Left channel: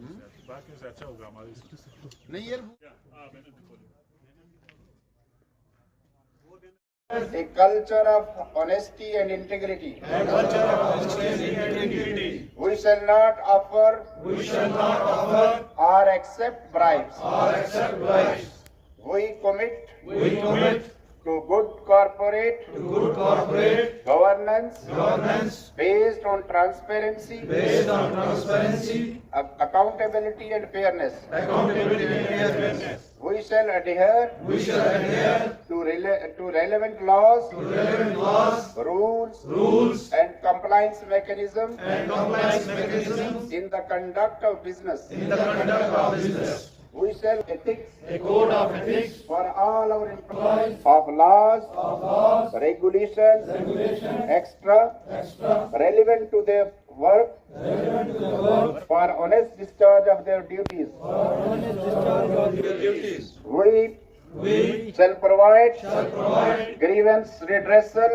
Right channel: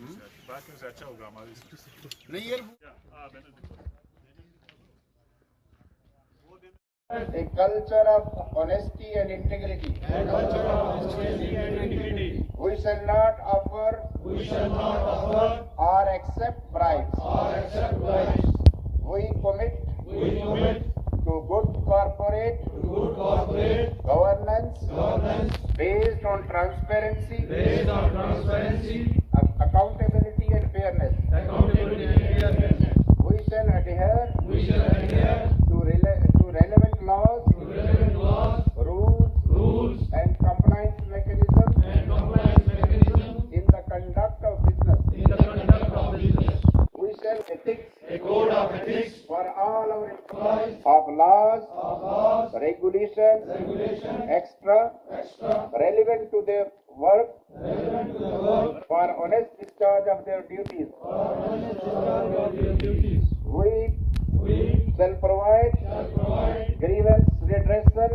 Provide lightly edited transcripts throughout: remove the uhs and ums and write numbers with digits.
बाकी से अच्छा होगा हमारे नहीं यार A culture of honesty and integrity. We shall not offer or accept bribes. We commit to good corporate governance based on transparency, accountability and fairness. We shall adhere to relevant laws, rules and compliance mechanisms in the conduct of business. We shall ethics, a code of ethics for all our employees of laws, regulations, extra relevant to their work, for honest discharge of their duties. We shall provide grievance redressal.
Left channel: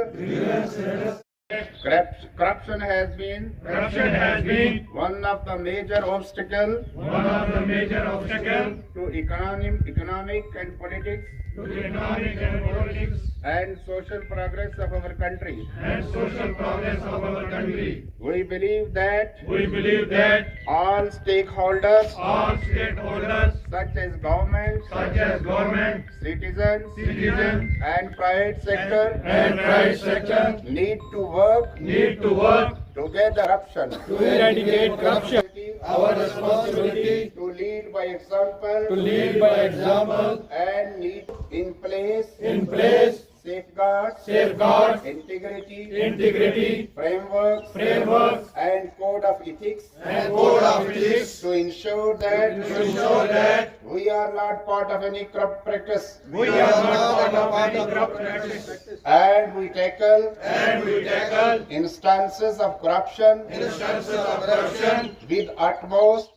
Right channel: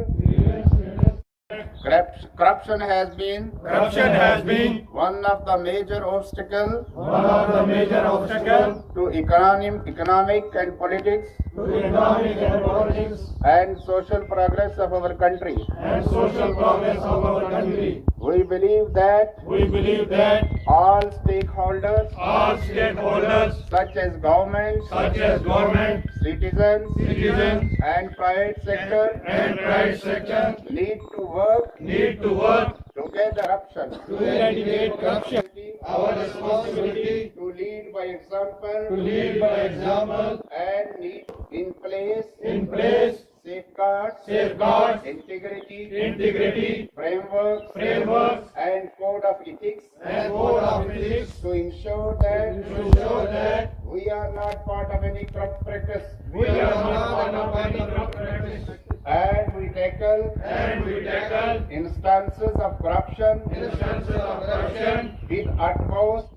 Corruption has been one of the major obstacles to economic and politics and social progress of our country. We believe that all stakeholders such as government, citizens and private sector need to work together to eradicate corruption. Our responsibility to lead by example and need in place safeguards, integrity, frameworks and code of ethics to ensure that we are not part of any corrupt practice. And we tackle instances of corruption with utmost